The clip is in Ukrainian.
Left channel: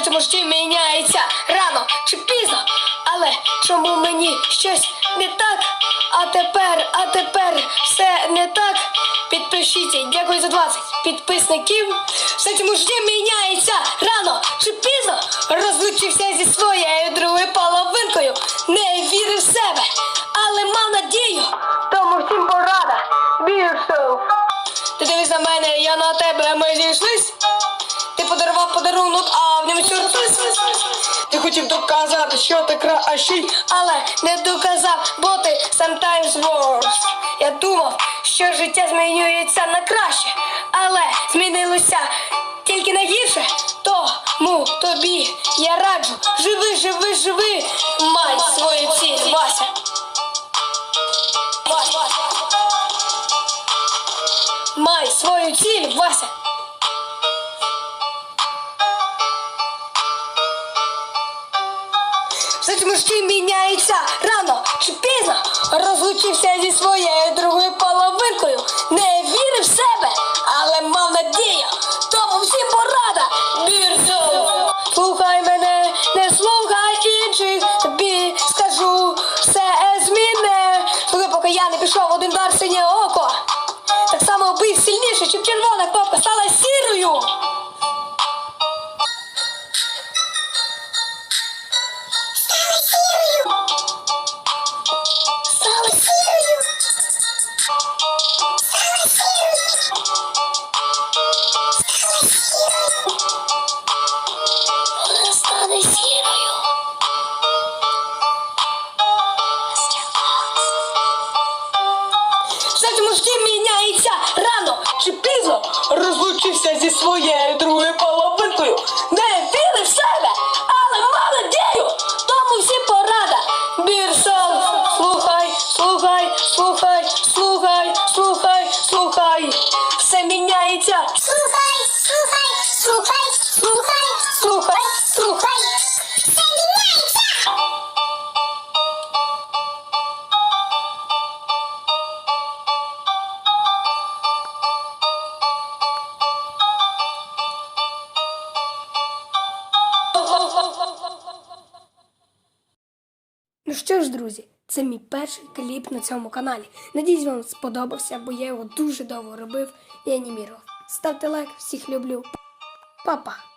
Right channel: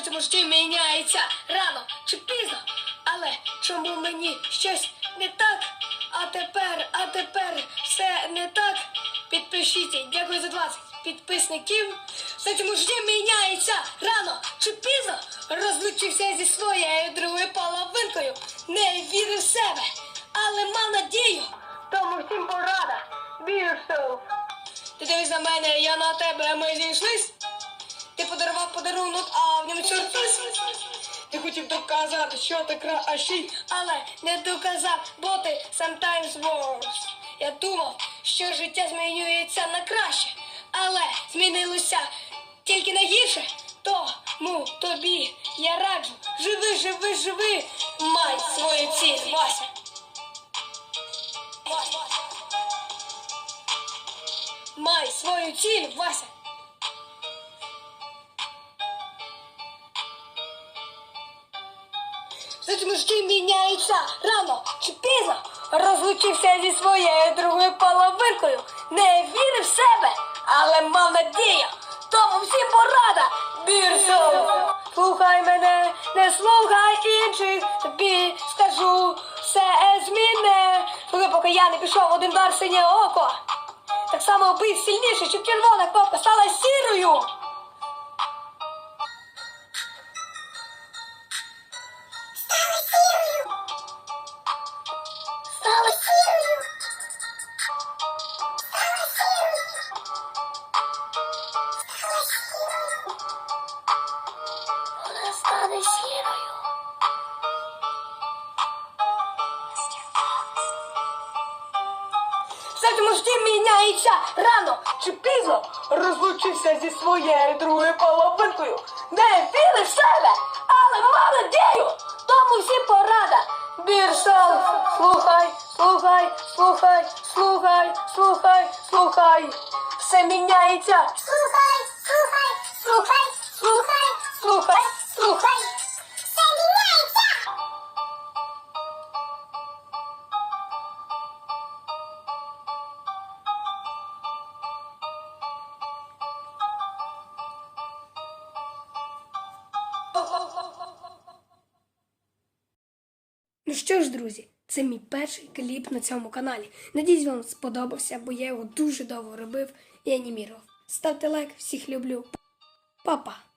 Все цьому житті міняється рано чи пізно. Але чому мені щось не так? А тепер, а тепер все не так. Підпишіться, дякую за 20 підписників. Все цьому житті міняється рано чи пізно. Розлучився зі своєю другою половинкою. Не вірив в себе, але мав надію. Тому всім порада. Віршов. Ти дивись на мене, я на тебе, ми зійшлись. Подарунок, а в ньому сюрприз. Ти хотів доказати, що ти кращий, але не доказав, бо ти sometimes worse. Я думав, що життя змінюється на краще, але змінилося тільки на гірше. Тому тобі я раджу, живи, живи, живи, май свою ціль, Вася. Май свою ціль, Вася. Все цьому міняється рано чи пізно. Розлучився зі своєю другою половинкою. Не вірив в себе, але мав надію. Тому всім порада. Бірсов. Слухай мене, не слухай інших. Тобі скажу, все зміне. Коли поки я не пішов один дар синє око. Міняється Ну що ж, друзі, це мій перший кліп на цьому каналі. Надіюсь, вам сподобався, бо я його дуже довго робив і анімірував. Ставте лайк, всіх люблю. Па-па!